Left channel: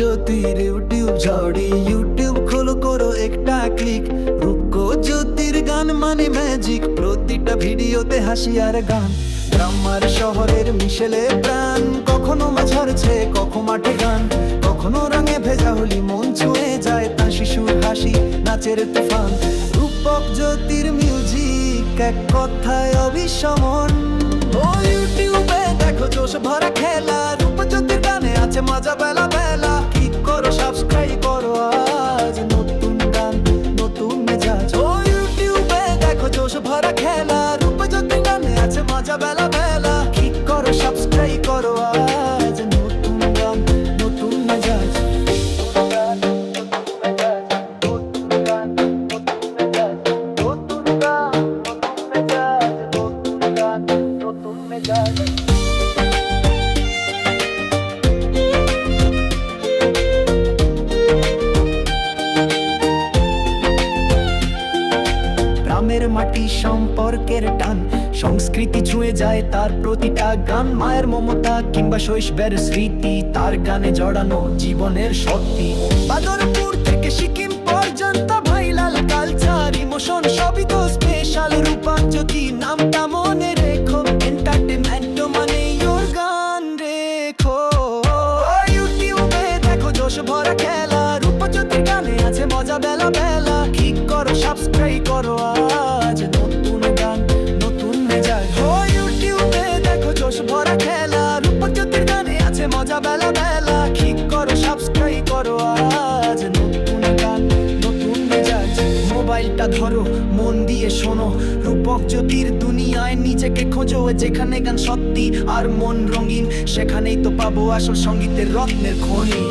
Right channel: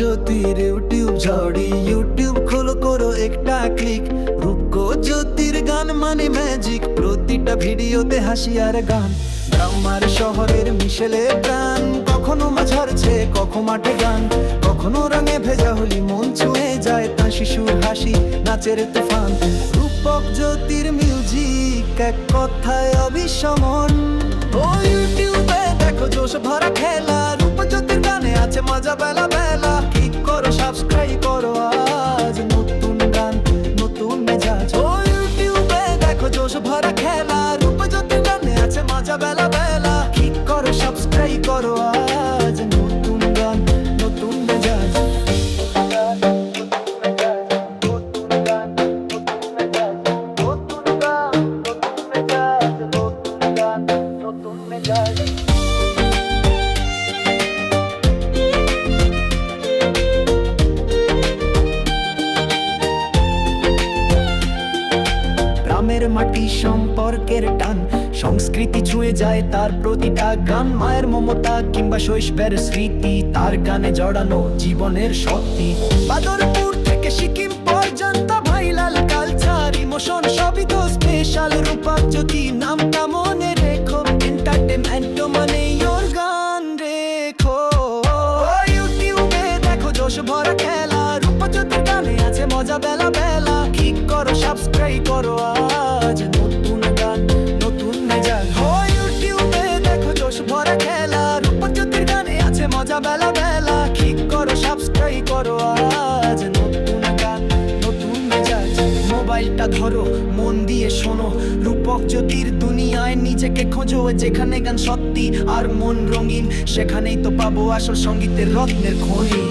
জ্যোতির ইউটিউব ঝড়ি, ইউটিউব খোলো করো একটা ক্লিক। রূপকো জ্যোতির গান মানে ম্যাজিক, প্রতিটা ভিডিওতে হাসি আর গান। গ্রাম আর শহরের মিশেলে প্রাণ, কখনো মাঝারছে কখনো মাঠে গান, কখনো রঙে ভেজা হলি মন ছুঁয়ে যায় তা শিশুর হাসি নাচের তুফান। রূপক জ্যোতির মিউজিক এক কথায় অবিস্মরণ। ও ইউটিউবে দেখো জোশ ভরা খেলা, রূপজ্যোতির গানে আছে মজা বেলা বেলা। ক্লিক করো সাবস্ক্রাইব করো আজ, নতুন গান নতুন মেজাজ। ও ইউটিউবে দেখো জোশ ভরা খেলা, রূপজ্যোতির গানে আছে মজা বেলা বেলা। ক্লিক করো সাবস্ক্রাইব করো আজ, নতুন গান নতুন মেজাজ। গ্রামের মাটি সম্পর্কের টান, সংস্কৃতি ছুঁয়ে যায় তার প্রতিটা গান। মায়ের মমতা কিংবা শৈশবের স্মৃতি, তার গানে জড়ানো জীবনের সত্যি। বাদরপুর থেকে সিকিম পর্যন্ত ভাইরাল কালচার ইমোশন সবই তো স্পেশাল। রূপক জ্যোতি নামটা মনে রেখো, এন্টারটেনমেন্ট মানে ওর গান রেখো। ইউটিউবে দেখো জোশ ভরা খেলা, রূপজ্যোতির গানে আছে মজা বেলা বেলা। ক্লিক করো সাবস্ক্রাইব করো আজ, নতুন গান নতুন মেজাজ। ইউটিউবে দেখো জোশ ভরা খেলা, রূপজ্যোতির গানে আছে মজা বেলা বেলা। ক্লিক করো সাবস্ক্রাইব করো আজ, নতুন গান নতুন মেজাজ। মোবাইলটা ধরো মন দিয়ে শোনো, রূপক জ্যোতির দুনিয়ায় নিজেকে খোঁজো। যেখানে গান সত্যি আর মন রঙিন, সেখানেই তো পাবো আসল সঙ্গীতের রত্নের খনি।